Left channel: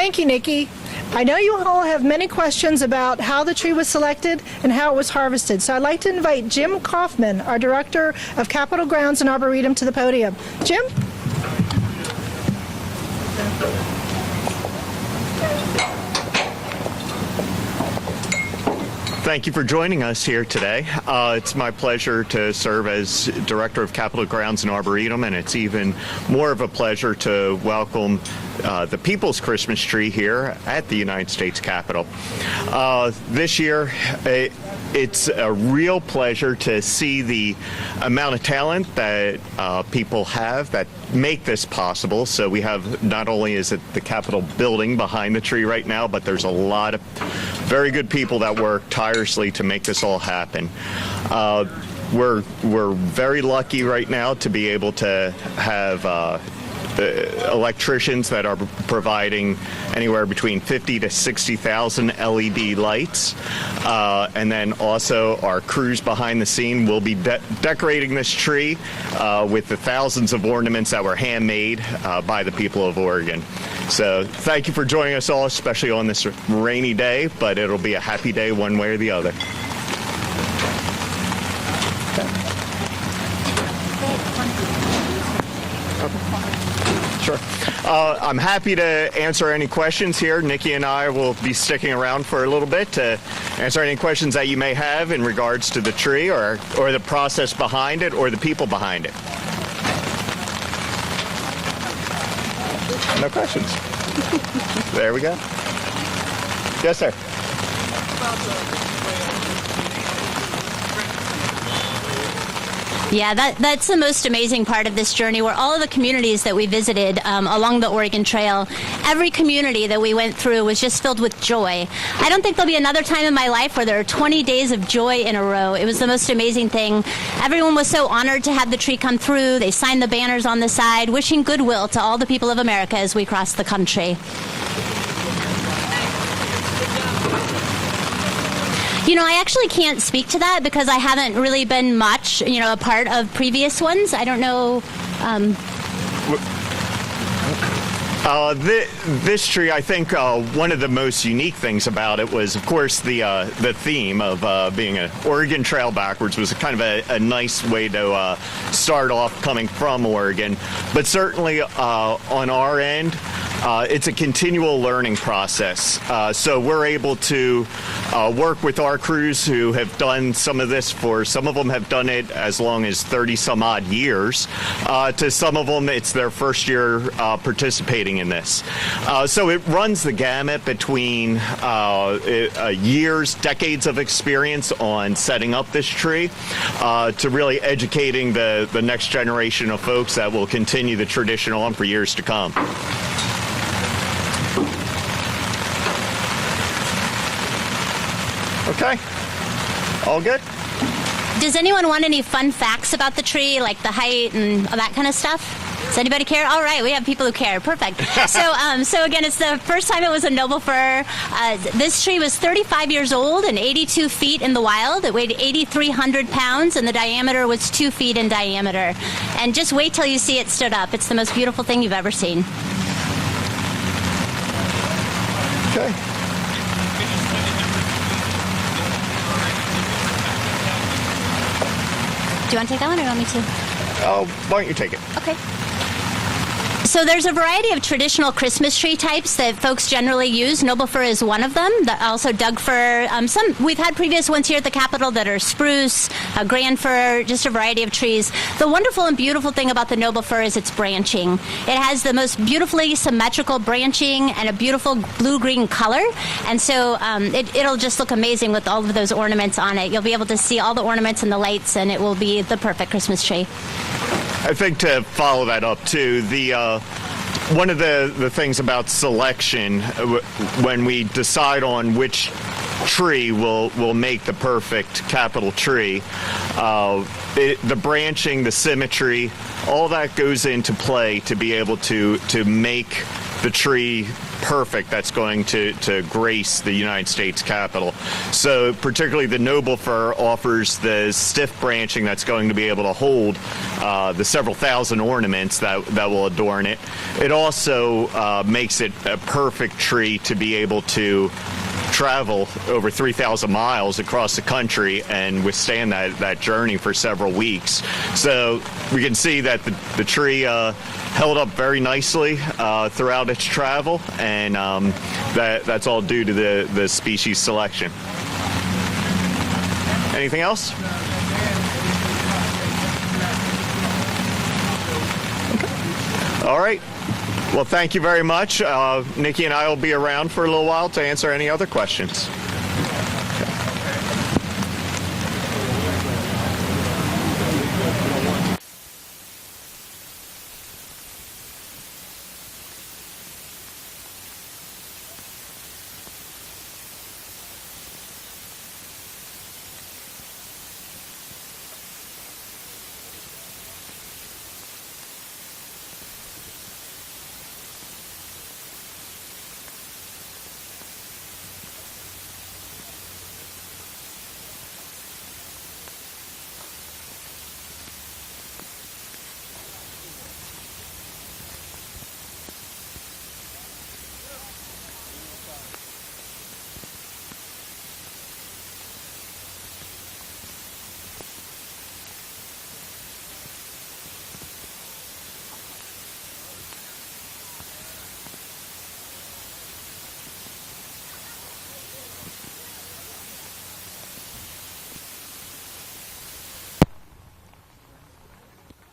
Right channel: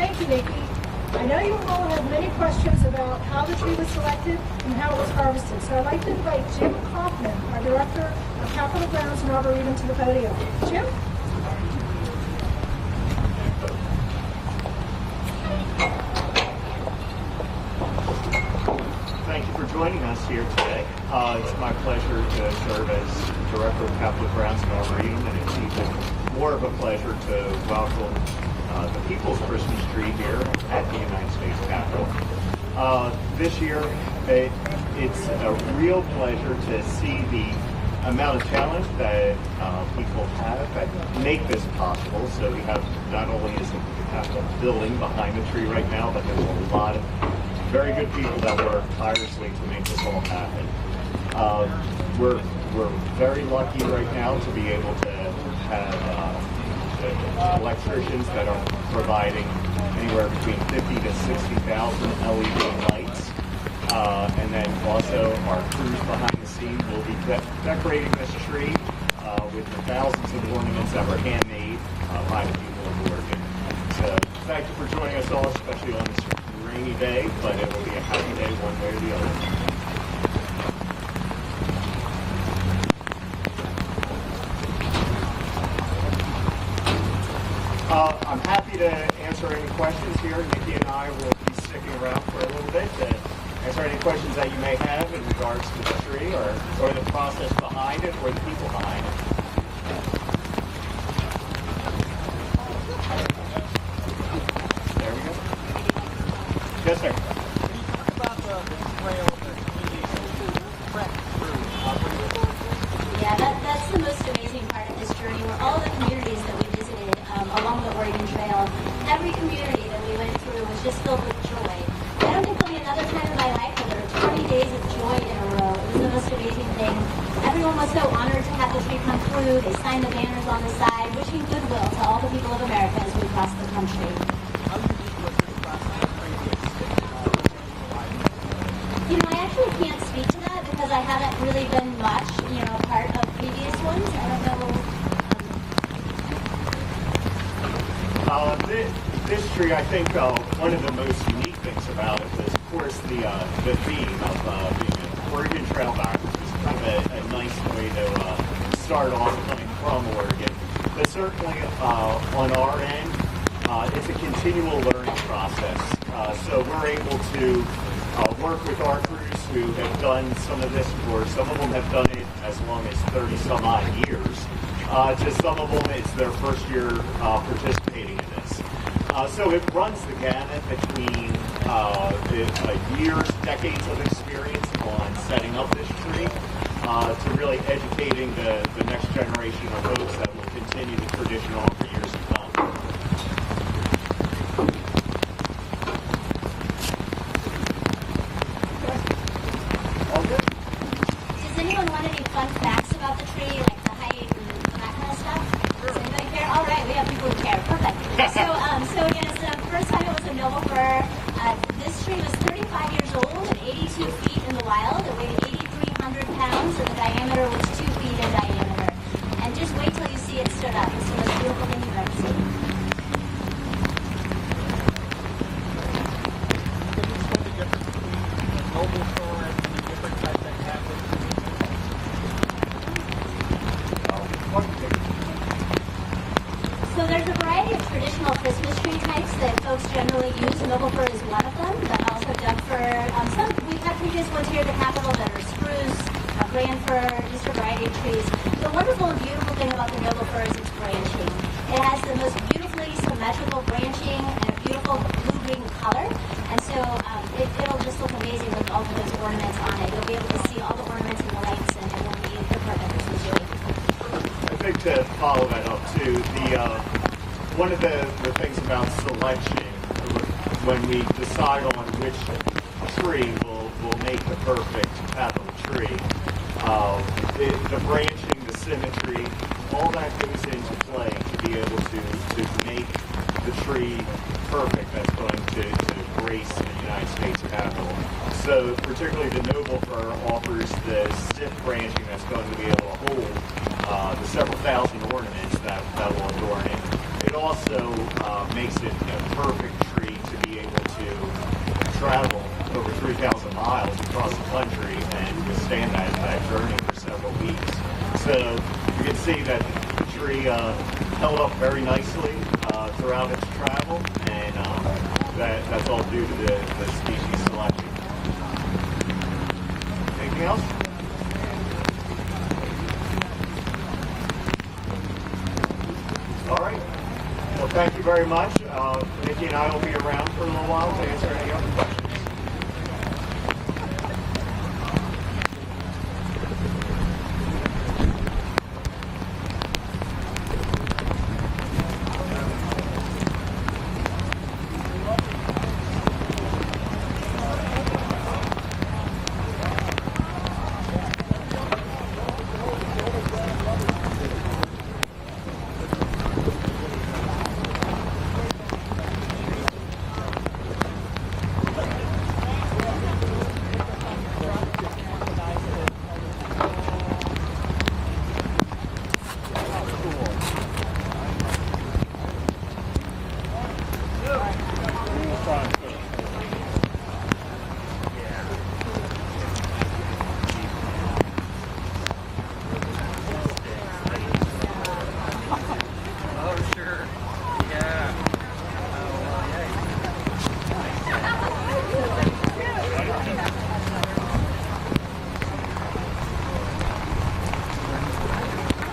Thank you, Nikki. I know you all have many questions about how the tree was selected and how it was harvested, so I'd like to invite Jim Kaufman, our Director of Capitol Grounds and Arboretum, to the podium. Jim? Thank you for joining us here today. It's my pleasure to serve as Director of Capitol Grounds and Arboretum, and it's even more of a pleasure to welcome the People's Christmas Tree here at the United States Capitol. This year, it's a real pleasure to see the amount of talent that people have that make this possible. So we have, not only is it the Capitol building behind the tree right now, but there's a lot of very good people that work tirelessly to make this all happen. We're very lucky right now to be able to have electricians that are providing anywhere between 50 to 60,000 LED lights. And then also our crews behind the scene will be decorating this tree with the thousands of ornaments that were handmade by the people of Oregon. So thank you for joining us all, especially on this rainy day, but it'll be a happy day one way or the other. Sure. I'm happy to answer any questions here. Nikki and I will be sticking around for a little bit to answer any questions that you may have in regards to the tree or the process behind it or the people behind it. No questions. There we go. Yes, sir. Yeah, that's the most amazing part of this journey, where all of the communities that we visited along the Oregon Trail, every community that we went through was just filled with joy. I don't think there'll be another time in my life where there are 20 days of joy in a row. It was the most amazing thing. Everyone was so honored to have the tree come through. They signed the banners on the side, wishing goodwill to all the people of America as we cross the country. You know, I actually can't speak to that because I haven't really been much, a part of previous ones. I don't know. This tree, I think one of the most unique things about it was, of course, the theme of being an Oregon Trail backwards was kind of a nice way to start off coming from Oregon. But certainly on our end, it's a continual learning process. So we're able to work with our crews who have done some of this some of them have done it as long as 30 some odd years. To some of them, it's their first year participating in this. So it runs the gamut between years, decades of experience on setting up this tree to really educating the next generation of folks that will continue the tradition on for years to come. Okay. All good? Does anyone want any fun facts about the tree, like the height and all that kind of stuff? Does anybody care? All right, we have people who care. Perfect. So again, it's the first time it was a noble fir. This tree was 35 years old and 82 feet in the wild. It weighed 8,300 pounds, and the diameter was 2 feet in diameter. And just wait till you see it stood up. It's the most beautiful thing you've ever seen. Okay. Do you want to take that one or do you want me to? Why don't you take it? Okay. So there's a variety of traditional Christmas tree types that folks generally use. Noble fir is one of them. Also Doug fir. We've had previous ones here at the Capitol that are spruce, grand fir, just a variety of trees. The wonderful and beautiful thing about the noble fir is its branching. It has the most beautifully symmetrical branching and a beautiful blue-green color. And so it'll just look amazing with all of those ornaments on it. You'll be able to see all the ornaments and the lights, and it will be the perfect Christmas tree. I think to follow that up too, one of the things about selection when we decide on which tree will make the perfect Capitol tree, the branching, the symmetry, all that goes into play to be able to make the tree perfect that's going to grace the United States Capitol. So particularly the noble fir offers the stiff branching that's going to be able to hold the several thousand ornaments that will adorn it. It also makes it a perfect tree to be able to travel over 3,000 miles across the country and withstand that journey for several weeks. So we can see that the tree held up very nicely throughout its travel, and that's all due to the species selection. Anything else? All right. Well, thank you very much. Nikki and I will be around for a little while to answer any other questions.